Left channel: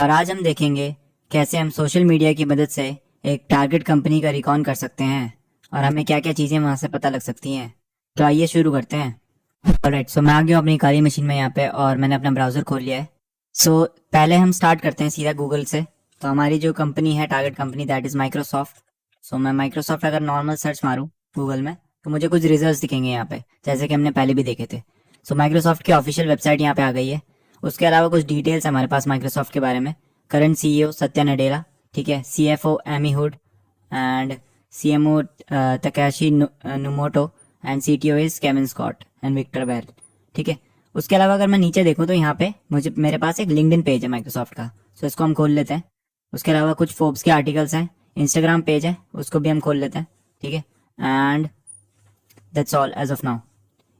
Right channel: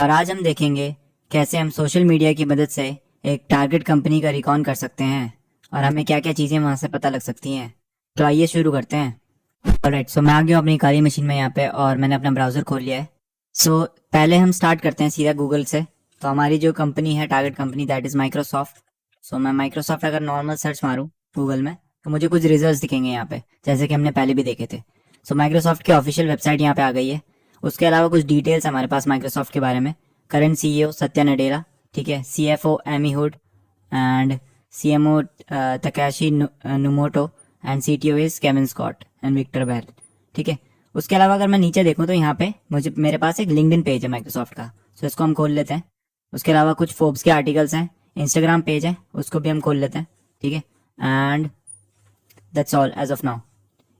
और आज हम देखेंगे कैसे हम सोशल मीडिया की मदद से एक टारगेट कंपनी का रिकॉन कर सकते हैं और हमें क्या क्या चीज़ें वहां से पता लग सकती हैं। तो आइए शुरू करते हैं। ऑलराइट, सो मैं आ गया हूँ अपनी काली मशीन में यहाँ पे और मैंने अपना ब्राउज़र खोल लिया है। सो पहले हम स्टार्ट करते हैं सीधा गूगल से। तो हमारी जो कंपनी है target company that is Microsoft. So मैं माइक्रोसॉफ्ट अगर नॉर्मल सर्च मारूँ गूगल में तो मुझे कुछ रिजल्ट दिखेंगे यहाँ पे, जैसे कि हमने पहले भी देखे थे। सो माइक्रोसॉफ्ट की ऑफिशियल वेबसाइट यहाँ पे आ गई है। उसके अलावा कुछ डिटेल्स हमारे पास माइक्रोसॉफ्ट के बारे में। करंट सीईओ सत्या नडेला, ठीक है। CFO Amy Hood and CMO Takashi Numoto and CTO is Kevin Scott and Victor Bell, ठीक है। उसके अलावा अगर मैं नीचे देखूं तो यहाँ पे मेरे पास एक लिंक्डइन पेज है माइक्रोसॉफ्ट का। सो इसको हम खोल लेते हैं। उसके अलावा कुछ फोर्ब्स के आर्टिकल्स हैं, इंस्टाग्राम पेज है उसको भी हम खोल लेते हैं, ठीक है। And that's all as of now.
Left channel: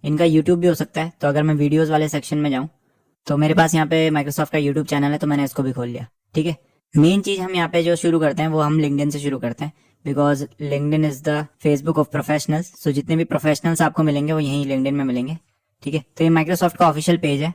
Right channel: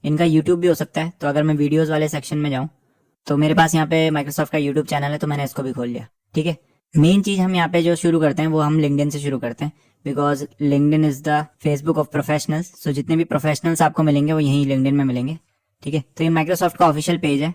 इनका यूट्यूब भी हो सकता है, तो अगर मैं वीडियोज़ वाले सेक्शन में जाऊँ तो मेरे पास यहाँ पे माइक्रोसॉफ्ट का यूट्यूब चैनल है, तो मैंने इसको भी खोल लिया, ठीक है। मेन चीज़ हम यहाँ पे जो शुरू करते हैं वो हम लिंक्डइन से शुरू करते हैं, because LinkedIn is the Facebook of professionals. So जितने भी प्रोफेशनल्स आपको मिलेंगे वो यहीं लिंक्डइन में मिलेंगे, ठीक है। तो ये माइक्रोसॉफ्ट का ऑफिशियल पेज है।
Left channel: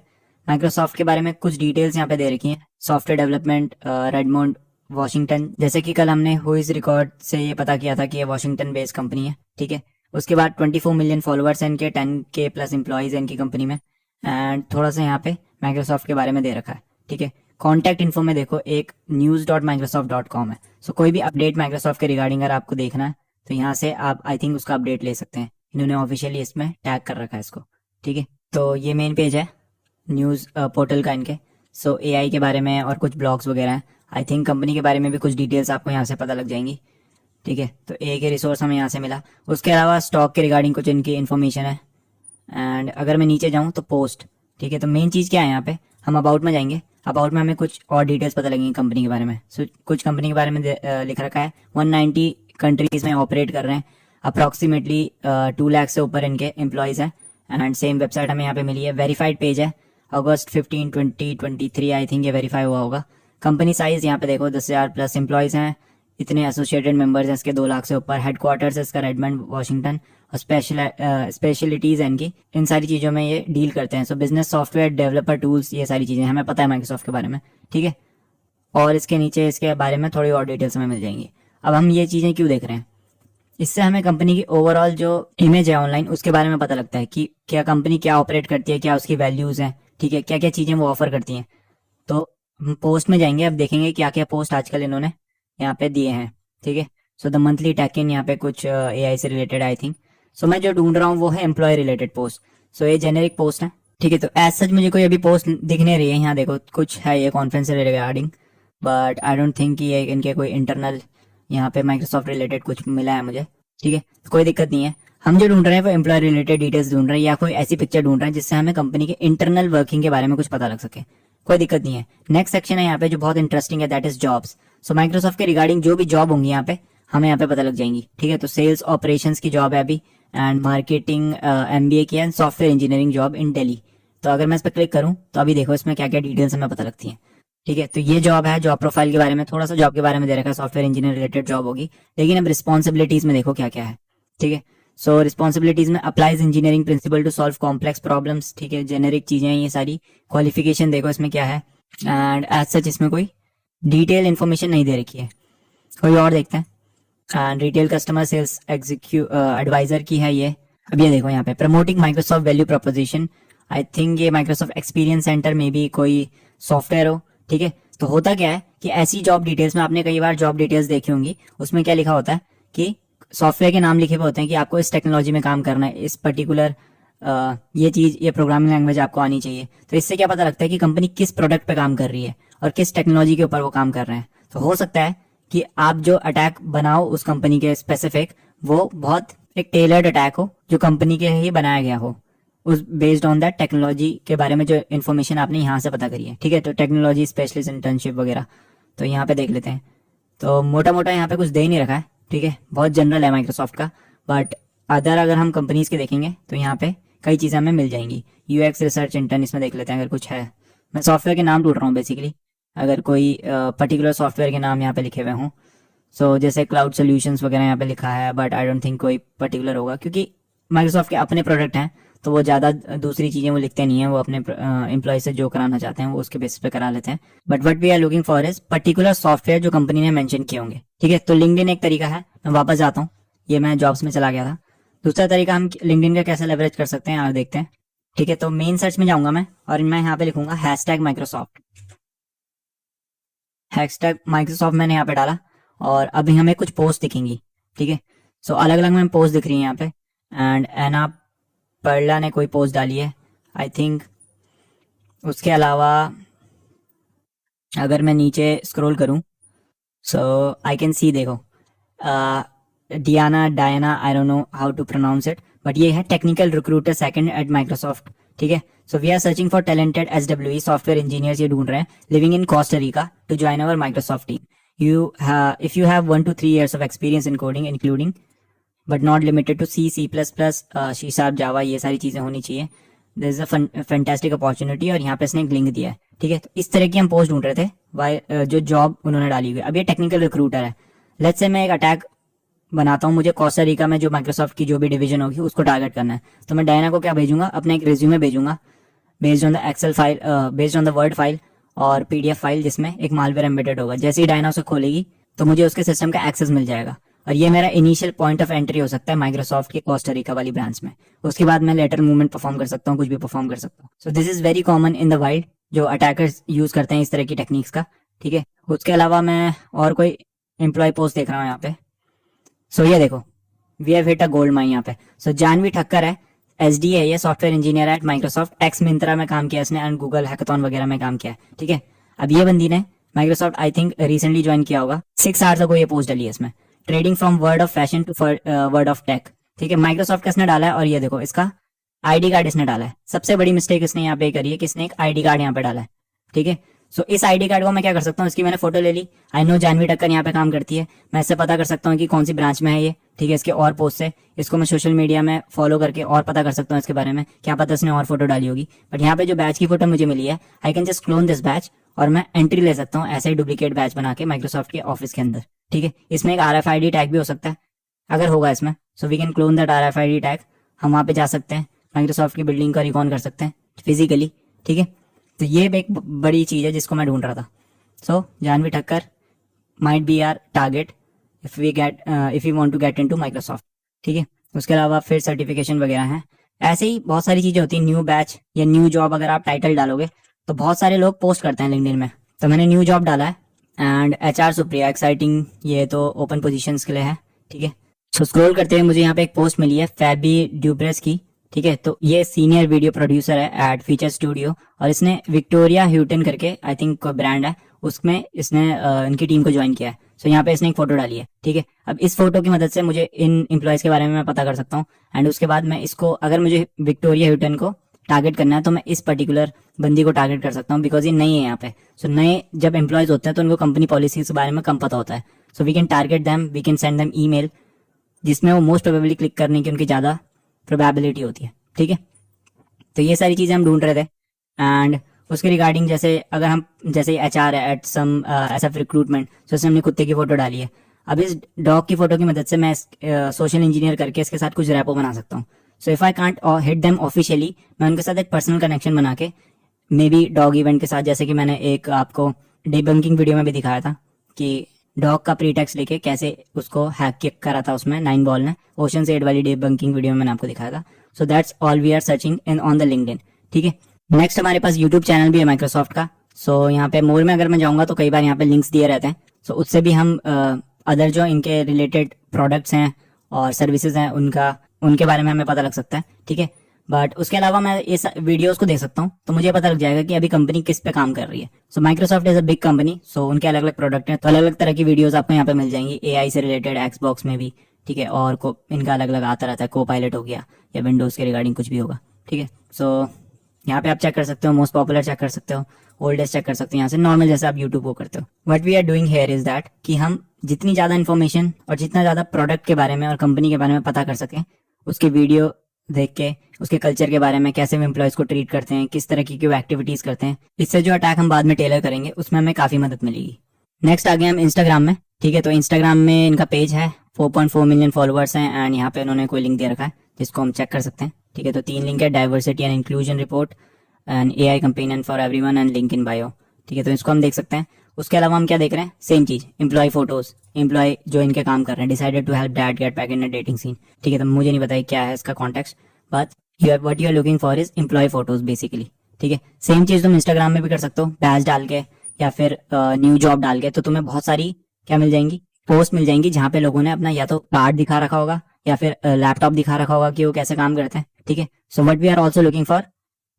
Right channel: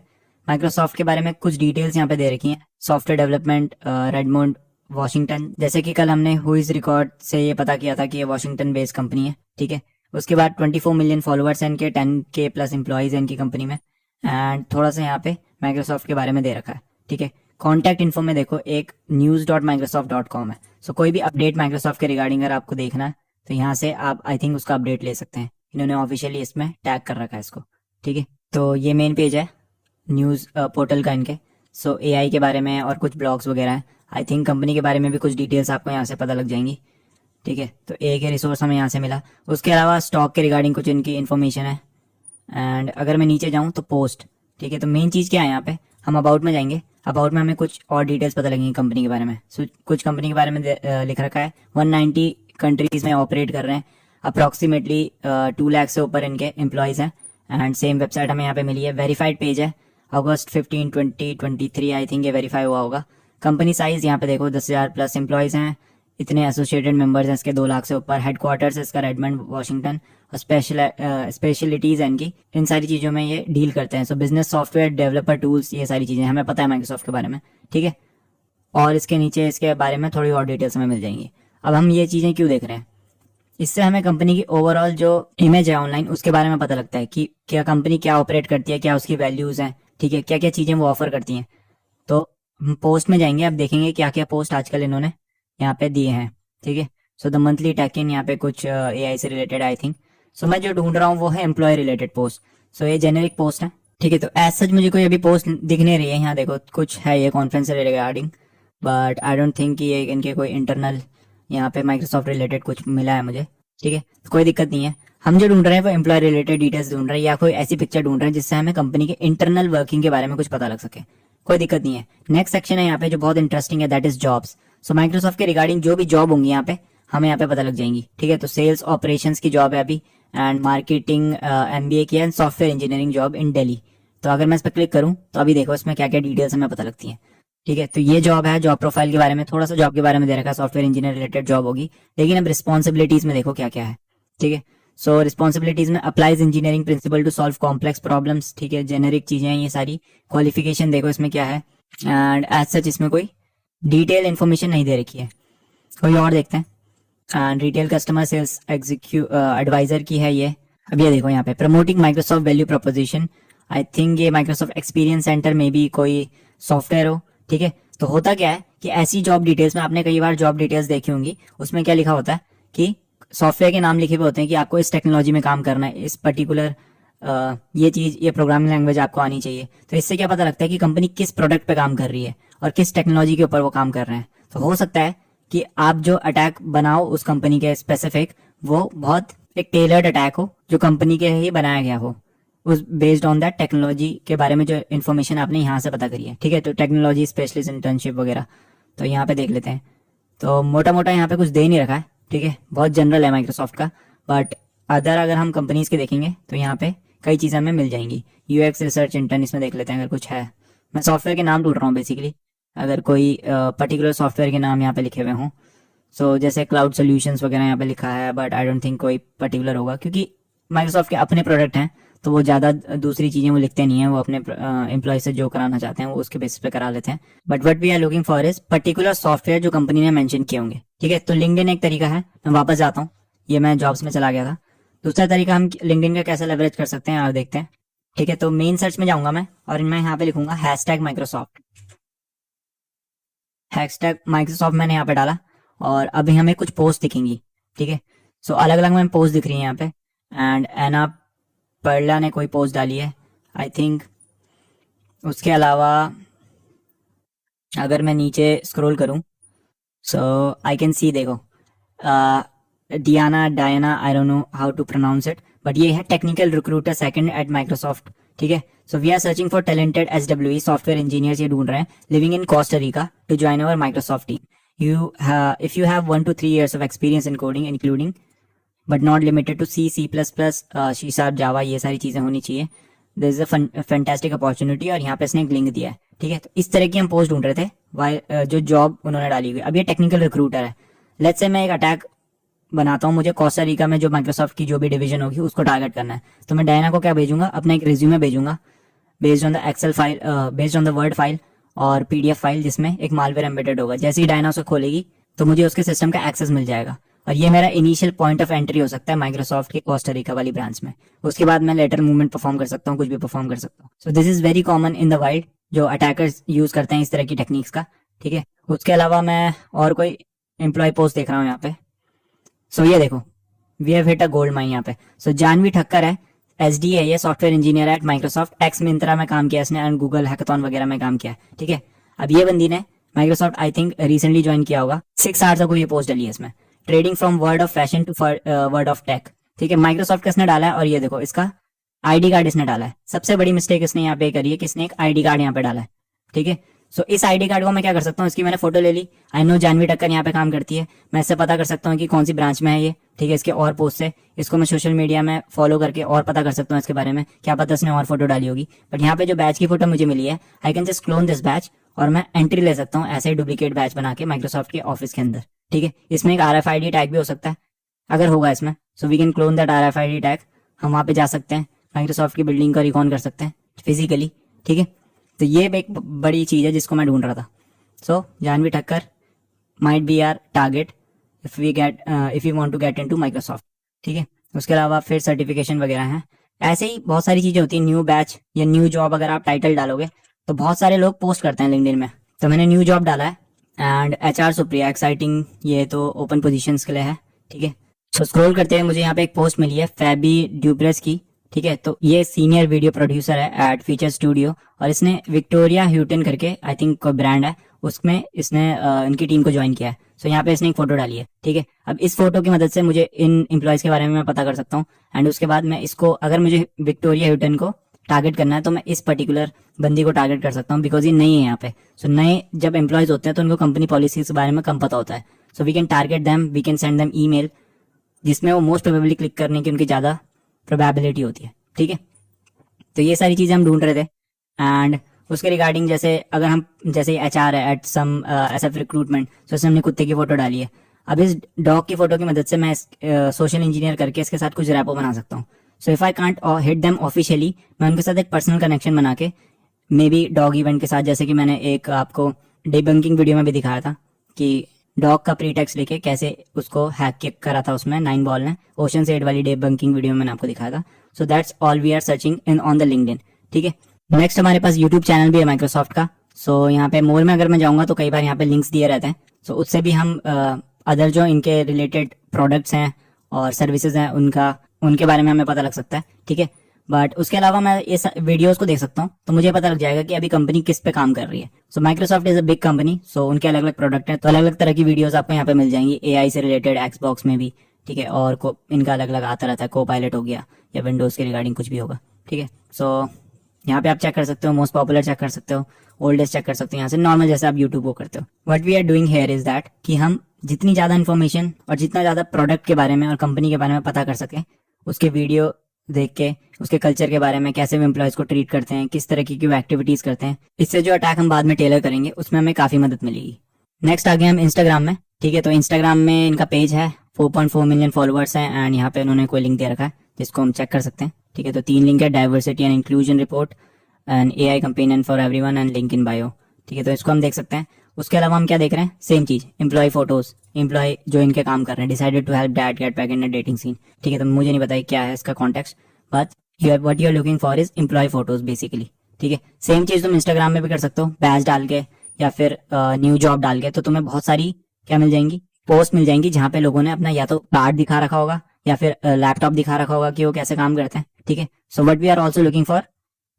माइक्रोसॉफ्ट के बारे में कुछ डिटेल्स यहाँ पे दे रखी हैं। सॉफ्टवेयर डेवलपमेंट रेडमोंड वॉशिंगटन, जैसे कि कल हमने हुईज रिकॉर्ड से ये पता किया था कि ये वॉशिंगटन बेस्ड कंपनी है, ठीक है। उसके बाद 24 मिलियन फॉलोअर्स हैं इनके, 10K प्लस एम्प्लॉयज़ हैं इनकी कंपनी में। एंड थोड़ा सा यहाँ पे माइक्रोसॉफ्ट के बारे में दे रखा है, ठीक है। कॉन्टैक्ट इन्फो में देखो एक news.microsoft.com है। सो कोई भी अपडेट माइक्रोसॉफ्ट के रिगार्डिंग अगर आपको देखना है तो यहाँ से आप आई थिंक उसका अपडेट ले सकते हैं। इन्होंने ऑफिशियली इसमें टैग कर रखा है इसको, ठीक है। तो ये मेन पेज है न्यूज़ पोर्टल का इनके। सो एआई के बारे में और कुछ ब्लॉग्स वगैरह हैं। आई थिंक कंपनी के बारे में भी कुछ डिटेल्स आपको यहाँ से पता लग जाएंगी, ठीक है। तो एक ही रिसोर्स हमें यहाँ से मिला। उसके अलावा स्टॉक के रिगार्डिंग कुछ इनकी इन्फॉर्मेशन है। एंड अगर मैं नीचे जाऊँ तो पोस्ट, ठीक है। तो मेन चीज़ क्या है यहाँ पे, हम अबाउट में जाएंगे। अबाउट में हमें कुछ और डिटेल्स पता लगेंगी कंपनी के बारे में। सो कुछ कंपनी के बारे में लिख रखा है 190 कंट्रीज में ऑपरेट कर रहे हैं। अप्रॉक्सीमेटली 2 लाख से ऊपर इनके एम्प्लॉयज़ हैं। एंड सेम वेबसाइट हमें यहाँ पे मिली है। वेरीफाइड पेज है, अगस्त 15 2023 आई थिंक ये वेरीफाई हुआ होगा। कंपनी साइज यहाँ पे देखो 10,000 प्लस एम्प्लॉयज़ हैं, इतने एसोसिएटेड मेंबर्स हैं इसके 2 लाख से ऊपर। हेडक्वार्टर्स है इसका रेडमंड वॉशिंगटन। और स्पेशलिटीज़ है इनकी, इन सारी चीज़ों में ये डील करते हैं। सो बिजनेस सॉफ्टवेयर डेवलपर टूल्स, ये सारी चीज़ें हमें पता है माइक्रोसॉफ्ट के बारे में, ठीक है। और इसके नीचे इसके बारे में थोड़ी और डिटेल्स हमें मिल जाएंगी। अब हम ये चीज़ें क्यों देख रहे हैं, इससे हमें कंपनी की ओवरऑल जो इमेज है ऑनलाइन उसके बारे में पता लगता है कि क्या कंपनी क्या ऑपरेट करती है, क्या उसकी वैल्यूज़ हैं, ठीक है, क्या क्या चीज़ें वो ऑफर करती हैं। तो हम पोस्ट में जाएंगे, अब देखेंगे क्या क्या पोस्ट आजकल इन्होंने यहाँ पे दिए हैं, ठीक है। सो द मंथली टैकिन यहाँ पे कुछ एआई से रिलेटेड आई थिंक। सो मैं जो ढूंढ रहा हूँ वो है एम्प्लॉय रिलेटेड पोस्ट। सो ये जेनेरिक पोस्ट है, ठीक है। तो एज सच मुझे कोई अभी पोस्ट दिख नहीं रही है। यहाँ देखो कुछ है ये कॉन्फ्रेंस से regarding, but I don't think कि ये इनके कोई इंटरनल यहाँ पे माइक्रोसॉफ्ट रिलेटेड कुछ मिला है मुझे, ठीक है। तो कोई दिक्कत नहीं है। हम जो ढूंढ रहे हैं वो एम्प्लॉय रिलेटेड डिटेल्स ढूंढ रहे हैं या कोई ऐसी पिक्चर ढूंढ रहे हैं जिससे हमें कंपनी के इंटरनल वर्किंग के बारे में कुछ पता लग सके। कोई दिक्कत नहीं है। नेक्स्ट सेक्शन है यहाँ पे जो बहुत इंटरेस्टिंग है, that is jobs. So Microsoft के रिगार्डिंग जो भी जॉब होंगी यहाँ पे हमें यहाँ पे पता लग जाएंगी, ठीक है। तो सेल्स ऑपरेशंस की जॉब है अभी, एंड मार्केटिंग एमबीए की है, software engineering job in Delhi. तो अगर मैं इस पर क्लिक करूँ तो अभी देखो इसमें क्या क्या डिटेल्स हमें पता लगती हैं, ठीक है। तो ये जॉब है, जॉब प्रोफाइल के बारे में थोड़ा सा जॉब के बारे में दे रखा है, सॉफ्टवेयर इंजीनियर रिलेटेड जॉब होगी। लेकिन अब रिस्पॉन्सिबिलिटीज में देखो क्या क्या है, ठीक है। सो रिस्पॉन्सिबिलिटीज में applies engineering principle to solve complex problems, ठीक है। जेनेरिक चीजें हैं ये सारी। क्वालिफिकेशन देखो इसमें क्या है, एंड एज सच इसमें कोई डिटेल इन्फॉर्मेशन नहीं दे रखी है। कोई और देखते हैं। And retail customer sales advisor की है ये। अब ये देखो यहाँ पे promoting Microsoft value proposition. I think ये माइक्रोसॉफ्ट एक्सपीरियंस सेंटर में भी कोई सॉफ्टवेयर हो, ठीक है। तो होता क्या है कि ऐसी जॉब डिटेल्स में आपने कई बार जॉब डिटेल्स देखी होंगी, उसमें क्या लिखा होता है कि सॉफ्टवेयर के नाम लिखे हुए होते हैं कि आपको इस टेक्नोलॉजी में काम करना है, इस पर्टिकुलर ये चीज, ये प्रोग्रामिंग लैंग्वेज आपको आनी चाहिए। तो इससे क्या पता लगता है कि कंपनी किस प्रोडक्ट पे काम कर रही है और किस टेक्नोलॉजी के ऊपर वो काम कर रहे हैं। तो हो सकता है कि आप जो अटैक बनाओ उस कंपनी के स्पेसिफिक, वो बहुत एक टेलर्ड अटैक हो जो कंपनी के ही बनाया गया हो, उस बेस्ड ऑन दैट टेक्नोलॉजी के बारे में जो इन्फॉर्मेशन आपने यहाँ से पता करी है, ठीक है। तो टेक्नोलॉजी स्पेशलिस्ट इंटर्नशिप वगैरह, तो यहाँ पे देख लेते हैं। तो मोटा मोटा यहाँ पे कुछ दे ही नहीं रखा है, ठीक है। बहुत जनरल है माइक्रोसॉफ्ट का। बट अगर हम कंपनीज के देखेंगे तो यहाँ पे कई चीज़ें हमें मिल जाएंगी। यूएक्स रिसर्च इंटर्न इसमें देख लेते हैं अगर कुछ है। मैं सॉफ्टवेयर के नाम ढूंढ रहा हूँ बेसिकली, अगर कोई पर्टिकुलर सॉफ्टवेयर के नाम यहाँ पे लिखे हुए हों। सो जैसे क्लाउड सोल्यूशंस वगैरह यहाँ पे लिखा है, बट आई डोंट थिंक कोई पर्टिकुलर होगा क्योंकि माइक्रोसॉफ्ट के अपने प्रोडक्ट हैं तो वो ज़्यादा दूसरी चीज़ें वो लिखते नहीं हैं, वो अपने एम्प्लॉय से जो कराना चाहते हैं वो उसके बेसिस पे करा लेते हैं। But what we are looking for is particular software जो कंपनी ने मेंशन किए होंगे, ठीक है। तो लिंक्डइन एक तरीका है, मैं वापस जाता हूँ, ये मैं जॉब्स में चला गया था। दूसरा तरीका हम लिंक्डइन का कैसे लेवरेज कर सकते हैं और देखते हैं, ठीक है। तो मेन सर्च में जाऊंगा मैं और मैं यहाँ पे लिखूंगा #माइक्रोसॉफ्ट। #माइक्रोसॉफ्ट मैंने यहाँ पे डाला और अभी हमें कुछ पोस्ट दिखेंगी, ठीक है। सो अलग अलग में पोस्ट दिख रही है यहाँ पे, एंड एना पर्ला ने कोई पोस्ट डाली है आई थिंक। उसके अलावा अगर मैं नीचे स्क्रॉल करूँ सो आई कैन सी, देखो Diana I don't know how to pronounce it, but ये है technical recruiter second at Microsoft, ठीक है। So we are searching for talented SWE software engineers, ये ढूंढ रहे हैं, living in Costa Rica to join our Microsoft team. If you have 1 to 3 years of experience in coding including but not limited to C++, C#, Java, ये सारी चीजें होनी चाहिए। This is a fantastic opportunity, और यहाँ पे इसने एक लिंक दिया है, ठीक है। तो इस तरह की हम पोस्ट ढूंढ रहे थे जो जॉब उन्होंने डाली हुई है। अब ये टेक्निकल रिक्रूटर है, लेट्स से मैं एक अटैक बनाता हूँ, मुझे कोस्टा रिका में जो माइक्रोसॉफ्ट की जो भी डिवीजन होगी उसको टारगेट करना है। तो मैं डायना को क्या भेजूंगा, अपना एक रिज्यूमे भेजूंगा based on the Excel file, based on the Word file और PDF फाइल जिसमें एक मालवेयर एम्बेडेड होगा। जैसे ही डायना उसे खोलेगी तो मुझे उसके सिस्टम का एक्सेस मिल जाएगा, और ये मेरा इनिशियल पॉइंट ऑफ एंट्री हो सकता है माइक्रोसॉफ्ट की कोस्टा रिका वाली ब्रांच में। उसके बाद मैं लेटर मूवमेंट परफॉर्म कर सकता हूँ, कुछ भी परफॉर्म कर सकता हूँ। So this is very common in the wild, जो अटैकर्स यूज करते हैं इस तरह की टेक्निक्स का, ठीक है। उसके अलावा मैं और कोई एम्प्लॉय पोस्ट देख रहा हूँ यहाँ पे। सो ये देखो, we have hit a gold mine यहाँ पे। सो जानवी ठक्कर है, SDA, ये software engineer at Microsoft, ex Myntra में काम किया इसने एंड गूगल हैकाथॉन वगैरह में काम किया, ठीक है। अब ये बंदी ने Microsoft I think recently join किया होगा, 6 आवर्स अगो ये पोस्ट डली है इसमें, trading from world of fashion to world of tech, ठीक है। माइक्रोसॉफ्ट का इसने डाला है, और ये देखो इसका ID कार्ड इसने डाला है। सबसे बड़ी मिस्टेक इसने यहाँ पे करी है कि इसने एक ID कार्ड यहाँ पे डाला है, ठीक है। सो इस ID कार्ड को मैं क्या कर सकता हूँ, इसकी मैंने फोटो ले ली, आई नो जानवी ठक्कर यहाँ पे काम करती है, मैं इससे पता कर सकता हूँ कि कौन सी ब्रांच में है ये, ठीक है। इसके और पोस्ट से इसको मैं सोशल मीडिया में फॉलो करके और पता कर सकता हूँ इसके बारे में, क्या पता इसने और फोटो डाली होगी। बट यहाँ पे जो बैच की फोटो मुझे मिली है, I can just clone this batch और मैं एंट्री ले सकता हूँ ऐसे ही डुप्लीकेट बैच बना के माइक्रोसॉफ्ट के ऑफिस के अंदर, ठीक है। इसमें एक RFID टैग भी हो सकता है अगर होगा इसमें, so we can clone that RFID tag. हम वहाँ पे जा सकते हैं, माइक्रोसॉफ्ट की बिल्डिंग का रिकॉन कर सकते हैं फिजिकली, ठीक है। तो ये एक बड़ी चीज़ है जिसको मैं ढूंढ रहा था। So Janhvi Thakkar might be our target if we want to get into Microsoft, ठीक है। उसके अलावा फिर सर्टिफिकेशन वगैरह हैं, ऐसे ही बहुत सारी चीज़ें होती हैं। न्यू बैच या न्यू जॉब अगर आप टाइटल डालोगे तो बहुत सारे लोग पोस्ट करते हैं लिंक्डइन में। तो मैंने न्यू जॉब डाला है एंड HR सुप्रिया एक्साइटिंग, ये तो ओपन पोजीशंस के लिए है, ठीक है। सो स्क्रॉल करते हुए मुझे यहाँ पे एक पोस्ट मिली है फैबी ड्यूप्रेस की, ठीक है। तो ये सीनियर वीडियो प्रोड्यूसर है एट फीचर स्टूडियो, और इसने विक्टोरिया ह्यूटन करके आई थिंक कोई ब्रांड है, उसमें इसने इनकी टीम को ज्वाइन किया है। सो यहाँ पे इसने एक फोटो डाली है, ठीक है। अब इस फोटो की मदद से मुझे इन एम्प्लॉयज के बारे में मैं पता कर सकता हूँ, एंड उसके बाद मैं इसको, अगर मुझे विक्टोरिया ह्यूटन को टारगेट करना है तो मैं इस पर्टिकुलर बंदी को टारगेट कर सकता हूँ, बिकॉज ये नई है यहाँ पे। सो नए जब एम्प्लॉयज होते हैं तो उनको कंपनी पॉलिसीज के बारे में कम पता होता है। So we can target them, we can send them email जिसमें वो मोस्ट प्रोबेबली क्लिक करने की उनकी ज़्यादा प्रोबेबिलिटी होती है, ठीक है। तो ये सारी चीज़ें हम ढूंढ रहे थे, एंड उसके रिगार्डिंग जैसे अगर हम जैसे HR है एट सम SF रिक्रूटमेंट, तो उसने हमने कुत्ते की फोटो डाली है। अब इस डॉग की फोटो की मदद से मैं सोशल इंजीनियर करके इसके साथ कुछ रैपो बना सकता हूँ। So if I can't hit them officially, मैं उनके साथ एक पर्सनल कनेक्शन बना के मे बी डॉग इवेंट के साथ, जैसे कि मैंने एक आपको डिबंकिंग वीडियो में भी दिखाया था कि डॉग का प्रीटेक्स्ट लेके कैसे उसको हैक किक करा था उसमें 9 बॉल ने, ओशन 8 वाली डिबंकिंग वीडियो में मैंने आपको दिखाया था। So that's all we are searching in on the LinkedIn, ठीक है। नेक्स्ट हमारे पास यूट्यूब चैनल भी है माइक्रोसॉफ्ट का। सो यहाँ पे मोर में अगर मैं जाऊँगा तो कई बार यहाँ पे लिंक्स दिए रहते हैं, सो उससे भी हम अदर जो इनके रिलेटेड प्रोडक्ट्स हैं और सर्विसेज हैं उनके बारे में हमें पता लग सकता है, ठीक है। बट उसके अलावा मैं ये वीडियोस को देख सकता हूँ तो मुझे पता लग जाएगा कि अभी कंपनी किस पे काम कर रही है। So Microsoft is a big company, so उनके अलग अलग प्रोडक्ट हैं, तो अलग अलग तरह की वीडियोस आपको यहाँ पे मिल जाएंगी, AI से रिलेटेड, Xbox में भी, ठीक है। और इनका अलग अलग आता रहता है, Co-Pilot हो गया या विंडोज के रिगार्डिंग कुछ भी होगा, ठीक है। सो यहाँ पे आप चेक कर सकते हो, मोस्ट पॉपुलर चेक कर सकते हो, ओल्डेस्ट चेक कर सकते हो यहाँ से, नॉर्मल जैसे आप यूट्यूब को करते हो। What we are doing here is that कि हम जितनी ज़्यादा इन्फॉर्मेशन और जितना ज़्यादा प्रोडक्ट के बारे में और कंपनी के बारे में पता कर सकें, उसके वीडियो देख के, उसके कल्चर के बारे में, कैसे वो एम्प्लॉयज़ को ट्रीट करते हैं, किस तरह की वो एक्टिविटीज़ करते हैं, इससे जो अटैक हम बाद में टेलर करेंगे उसमें हमें काफ़ी मदद मिलेगी। नेक्स्ट आ गए हम इंस्टाग्राम में, ठीक है। तो इंस्टाग्राम में इनका पेज है, 4.4 मिलियन फॉलोअर्स हैं, एंड यहाँ पे इन्होंने कोई लिंक दे रखा है जिसको हम चेक कर सकते हैं, ठीक है, तो 3 लिंक है, diversity and inclusion report and AI companion for everyone and link in bio. ठीक है, तो इसको हम देख सकते हैं। उसके अलावा हम क्या देख रहे हैं, सेम चीज, एम्प्लॉय फोटोज, एम्प्लॉय जो इनके काम कर रहे हैं, decided to help dad get back in a dating scene. ठीक है, तो मुझे नहीं पता क्या है इसका context, but what you are looking for is employ photos basically. ठीक है, सेम चीज तुम इंस्टाग्राम में भी कर सकते हो, बैच डाल के या फिर न्यू जॉब डाल के, तो तुम्हें बहुत सारी क्या मिल जाएंगी, पोस्ट मिल जाएंगी, जहाँ पे लोगों ने अपना या तो कार्ड दिखा रखा होगा या फिर लैपटॉप दिखा रखा होगा कि वो कैसे काम करते हैं। ठीक है, so but we are also looking for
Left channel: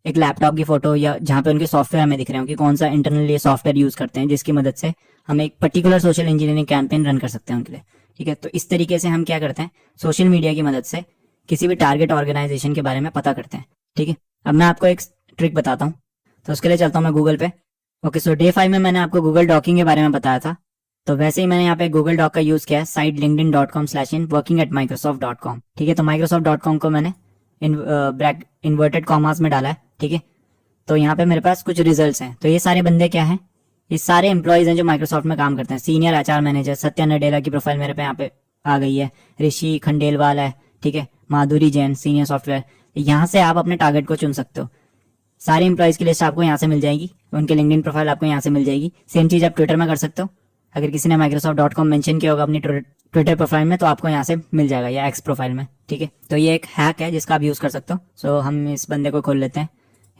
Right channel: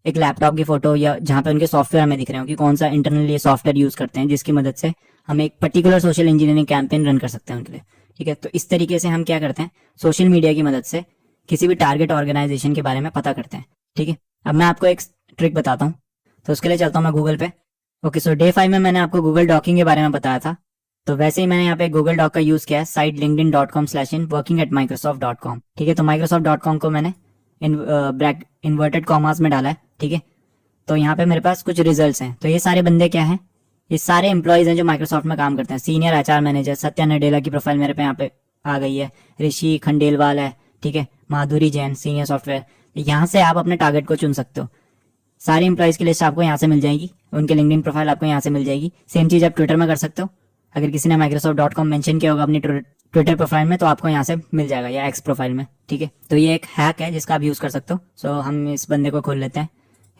एक लैपटॉप की फोटो, या जहाँ पे उनके सॉफ्टवेयर हमें दिख रहे हो कि कौन सा इंटरनली सॉफ्टवेयर यूज करते हैं, जिसकी मदद से हम एक particular social engineering campaign run कर सकते हैं उनके लिए। ठीक है, तो इस तरीके से हम क्या करते हैं, सोशल मीडिया की मदद से किसी भी टारगेट ऑर्गेनाइजेशन के बारे में पता करते हैं। ठीक है, अब मैं आपको एक ट्रिक बताता हूँ, तो उसके लिए चलता हूँ मैं गूगल पे। ओके, सो डे 5 में मैंने आपको गूगल डॉकिंग के बारे में बताया था, तो वैसे ही मैंने यहाँ पे गूगल डॉक का यूज किया है, साइट linkedin.com/in working@microsoft.com। ठीक है, तो microsoft.com को मैंने इन्वर्टेड कॉमास में डाला है। ठीक है, तो यहाँ पे मेरे पास कुछ रिजल्ट्स हैं। तो ये सारे बंदे क्या हैं, ये सारे एम्प्लॉयज हैं जो माइक्रोसॉफ्ट में काम करते हैं। Senior HR manager Satya Nadella की प्रोफाइल मेरे पे यहाँ पे आ गई है, ऋषि खंडेलवाल है, ठीक है, माधुरी जैन सीनियर सॉफ्टवेयर। यहाँ से आप अपने टारगेट को चुन सकते हो। सारे एम्प्लॉयज की लिस्ट आपको यहाँ से मिल जाएगी, उनके लिंक्डइन प्रोफाइल आपको यहाँ से मिल जाएगी। सेम चीज आप ट्विटर में कर सकते हो, अगर किसी ने microsoft.com मेंशन किया होगा अपनी ट्विटर प्रोफाइल में, तो आपको यहाँ से मिल जाएगा, या एक्स प्रोफाइल में। ठीक है, तो ये एक हैक है जिसका आप यूज कर सकते हो। सो हम इस बंदे को खोल लेते हैं,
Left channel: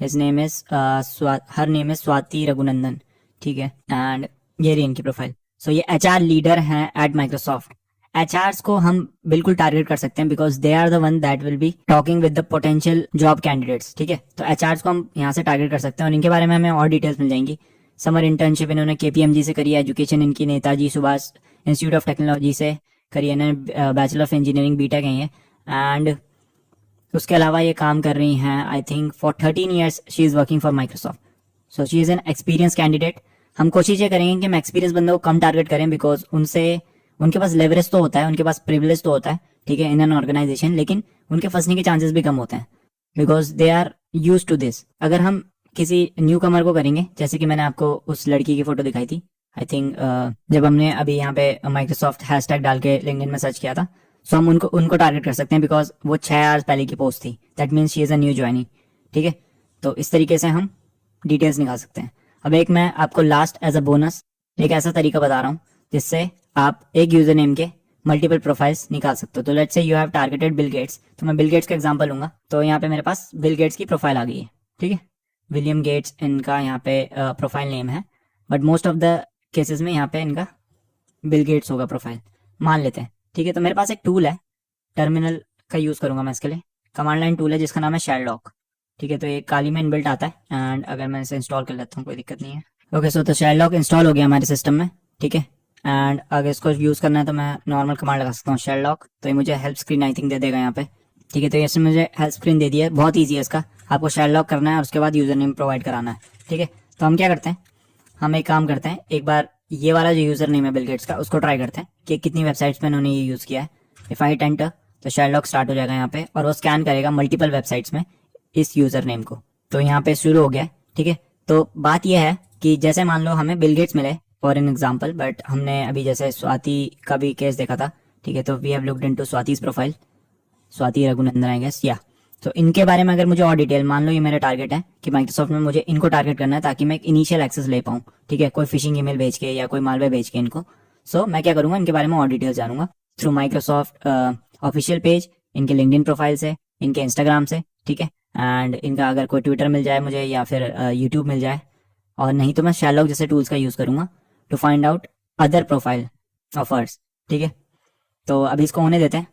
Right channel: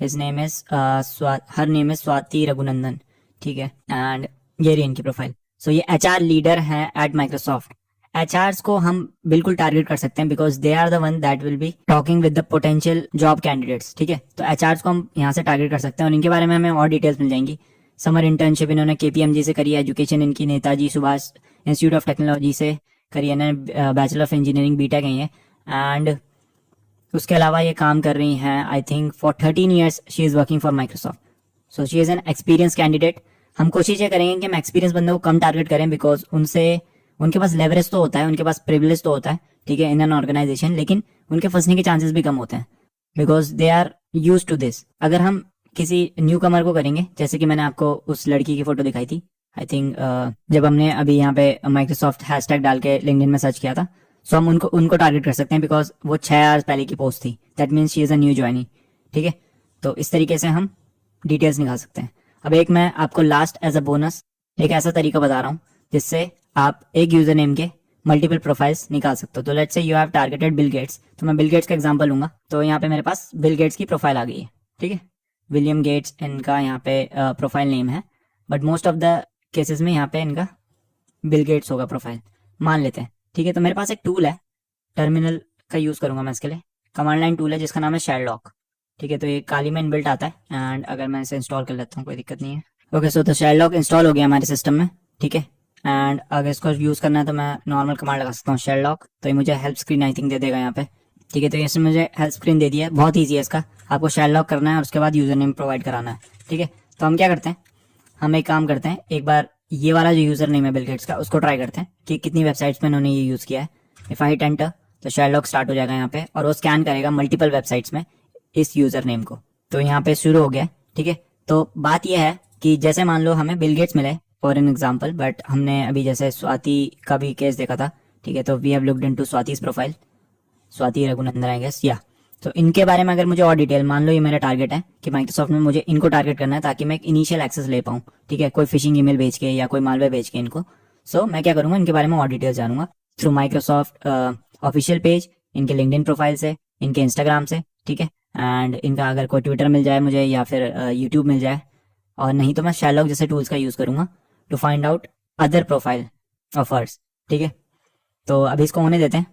his name is her name is Swati Raghunandan. ठीक है, एंड ये रही इनकी प्रोफाइल। सो ये एचआर लीडर है एट माइक्रोसॉफ्ट। एचआरस को हम बिल्कुल टारगेट कर सकते हैं, because they are the one that will be talking with the potential job candidates. ठीक है, तो एचआरस को हम यहाँ से टारगेट कर सकते हैं, और इनके बारे में हमें और डिटेल्स मिल जाएंगी। समर इंटर्नशिप इन्होंने केपीएमजी से करी है, एजुकेशन इनकी Netaji Subhash institute of technology से करी है, इन्होंने बैचलर ऑफ इंजीनियरिंग बीटेक है, एंड उसके अलावा ये काम कर रही हैं I think for 13 years she is working for Microsoft. So she is an experience candidate. हम कोशिश ये करेंगे कि हम एक्सपीरियंस बंदों को कम टारगेट करें, बिकॉज उनके पास लेवरेज तो होता है, उनके पास प्रिविलेज तो होता है, ठीक है, इन एन ऑर्गेनाइजेशन, लेकिन उनके फंसने के चांसेस भी कम होते हैं, because they are use to this. अगर हम किसी न्यू कमर को करेंगे, जैसे कि मैंने आपको उस लड़की की फोटो दिखाई थी, आई थिंक जब हमने अभी यहाँ पे माइक्रोसॉफ्ट हैशटैग डाल के लिंक्डइन में सर्च किया था, सो हम उनको टारगेट कर सकते हैं, बिकॉज वो 6 आवर्स पहले की पोस्ट थी, that means she is a new joining. ठीक है, तो इस तरीके से हम डिटेल्स निकाल सकते हैं। अब एक मैं आपको लास्ट एज अ बोनस एक ऐसा तरीका बता रहा हूँ जिससे आप एक यूजर नेम के मल्टीपल प्रोफाइल्स निकाल सकते हो। तो let's say you have targeted Bill Gates, तो मैं बिल गेट्स का एग्जांपल लूंगा। तो यहाँ पे मेरे पास बिल गेट्स की प्रोफाइल आ गई है। ठीक है, विलियम गेट्स इनका यहाँ पे प्रोफाइल नेम है, but most of the cases में यहाँ पे इनका बिल गेट्स होगा प्रोफाइल, मान लेते हैं। ठीक है, तो मेरे पास एक टूल है, टर्मिनल का यूज करूंगा मैं इसके लिए, कमांड लाइन टूल है जिसका नाम है शेरलॉक। ठीक है, तो ये काली में इनबिल्ट आता है, एंड अगर मैं इसे इंस्टॉल कर लेता हूँ कोई दिक्कत नहीं है। ओके, सो तो शेरलॉक इंस्टॉल हो गया हमारे सिस्टम में। ठीक है, एंड अगर इसको यूज करना है तो मैं नॉर्मल कमांड लगा सकता हूँ शेरलॉक, तो ये मुझे help screen I think they देगा यहाँ पे। ठीक है, तो इसने मुझे हेल्प स्क्रीन दे दी है, बहुत ईजी है इसका। आपको शेरलॉक करना है और उसके बाद यूजर नेम प्रोवाइड कराना है। ठीक है, तो हम क्या करते हैं, हम एक काम करते हैं, एक बार ये वाला जो यूजर नेम है बिल गेट्स का, उसको ट्राई करते हैं कि कितनी वेबसाइट्स में उन्होंने ये यूज किया है। इफ आई हिट एंटर तो शेरलॉक स्टार्ट हो जाएगा यहाँ पे, और वो स्कैन करेगा मल्टीपल वेबसाइट्स में इस यूजर नेम को। तो यहाँ पे शुरू हो गया। ठीक है, तो बात यह है कि जैसे मान लो हमें बिल गेट्स मिले फॉर एन एग्जाम्पल, बट हमने अभी जैसे स्वाति का भी केस देखा था। ठीक है, तो we have looked into Swati's profile, Swati Raghunandan I guess, या तो इनके बारे में अगर मुझे और डिटेल, मान लो ये मेरा टारगेट है कि माइक्रोसॉफ्ट में मुझे इनको टारगेट करना है ताकि मैं एक इनिशियल एक्सेस ले पाऊँ। ठीक है, कोई फिशिंग ईमेल भेज के या कोई मालवेयर भेज के इनको। सो मैं क्या करूंगा, इनके बारे में और डिटेल्स जानूंगा थ्रू माइक्रोसॉफ्ट ऑफिशियल पेज, इनके लिंक्डइन प्रोफाइल से, इनके इंस्टाग्राम से। ठीक है, एंड इनका अगर कोई ट्विटर मिल जाए मुझे, या फिर यूट्यूब मिल जाए, और नहीं तो मैं शेरलॉक जैसे टूल्स का यूज करूंगा to find out other profile offers. ठीक है, तो अभी इसको होने देते हैं,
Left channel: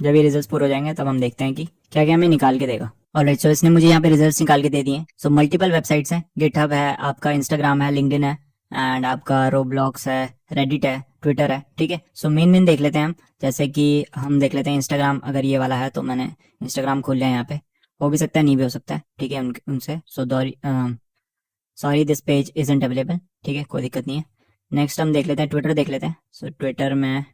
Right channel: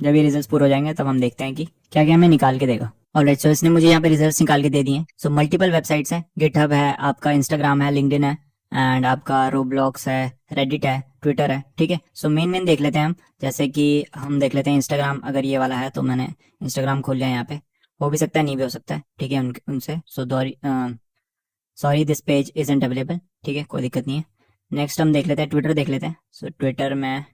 जब ये रिजल्ट्स पूरे हो जाएंगे तब हम देखते हैं कि क्या क्या हमें निकाल के देगा। ऑलराइट, सो इसने मुझे यहाँ पे रिजल्ट्स निकाल के दे दिए हैं। सो मल्टीपल वेबसाइट्स हैं, गिटहब है, आपका इंस्टाग्राम है, लिंक्डइन है, एंड आपका रोब्लॉक्स है, रेडिट है, ट्विटर है। ठीक है, सो मेन देख लेते हैं हम, जैसे कि हम देख लेते हैं इंस्टाग्राम। अगर ये वाला है तो मैंने इंस्टाग्राम खोल लिया है, यहाँ पे हो भी सकता है नहीं भी हो सकता है। ठीक है, उनसे sorry this page isn't available. ठीक है, कोई दिक्कत नहीं है। नेक्स्ट हम देख लेते हैं ट्विटर, देख लेते हैं। सो ट्विटर में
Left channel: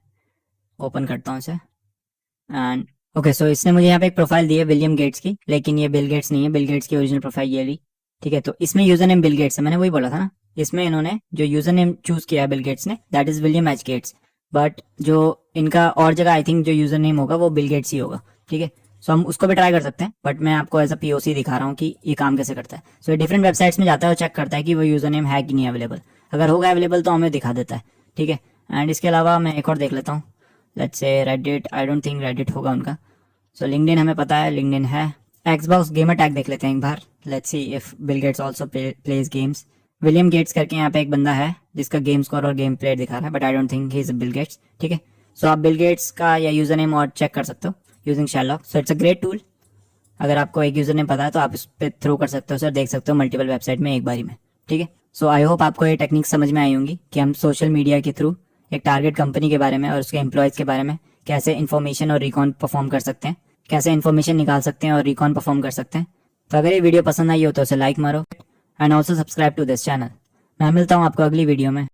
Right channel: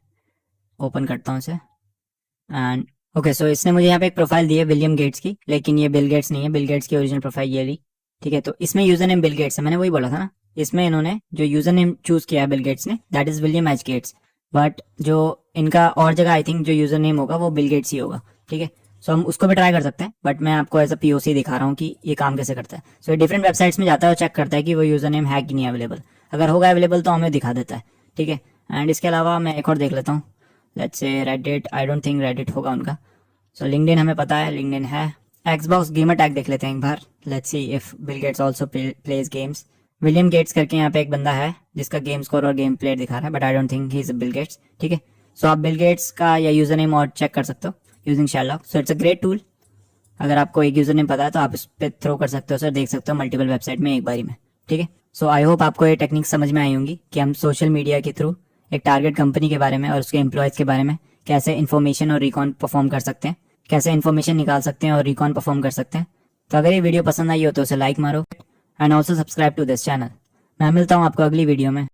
ओपन करता हूँ इसे, एंड ओके, सो इसने मुझे यहाँ पे एक प्रोफाइल दी है विलियम गेट्स की, लेकिन ये बिल गेट्स नहीं है, बिल गेट्स की ओरिजिनल प्रोफाइल ये ली। ठीक है, तो इसमें यूजर नेम बिल गेट्स है, मैंने वही बोला था ना, इसमें इन्होंने जो यूजर नेम चूज किया है बिल गेट्स ने, that is William H Gates, but जो इनका और जगह आई थिंक जो यूजर नेम होगा वो बिल गेट्स ही होगा। ठीक है, सो हम उसको भी ट्राई कर सकते हैं, बट मैं आपको एज अ पीओसी दिखा रहा हूँ कि ये काम कैसे करता है। सो ये डिफरेंट वेबसाइट्स में जाता है और चेक करता है कि वो यूजर नेम है कि नहीं अवेलेबल। अगर होगा अवेलेबल तो हमें दिखा देता है, ठीक है। एंड इसके अलावा मैं एक और देख लेता हूँ, let's say Reddit. I don't think Reddit होगा उनका। सो लिंक्डइन हमें पता है, लिंक्डइन है। एक्सबॉक्स गेमर टैग देख लेते हैं एक बार, let's see if Bill Gates also plays games. William Gates करके यहाँ पे एक बंदा है जिसका गेम स्कोर और गेम प्ले दिखा रहा है, but I don't think he is Bill Gates, ठीक है। सो आप बिल गेट्स का या यूजर नेम और चेक कर सकते हो using Sherlock. So it's a great tool. अगर आपको एक यूजर नेम पता है तो आप इस पर थ्रो कर सकते हो सर, देख सकते हो मल्टीपल वेबसाइट में एक बारी में, ठीक है। सो आई होप आपको ये टेक्निक समझ में आई होंगी कि हम सोशल मीडिया के थ्रू एक टारगेट कंपनी के बारे में और उसके एम्प्लॉयज़ के बारे में कैसे इन्फॉर्मेशन और रिकॉन परफॉर्म कर सकते हैं, कैसे इन्फॉर्मेशन निकाल सकते हैं और रिकॉन परफॉर्म कर सकते हैं। तो अगर ये वीडियो पसंद आई हो तो उसे लाइक मारो and also subscribe to this channel. मैं मिलता हूँ आपको अगली वीडियो में।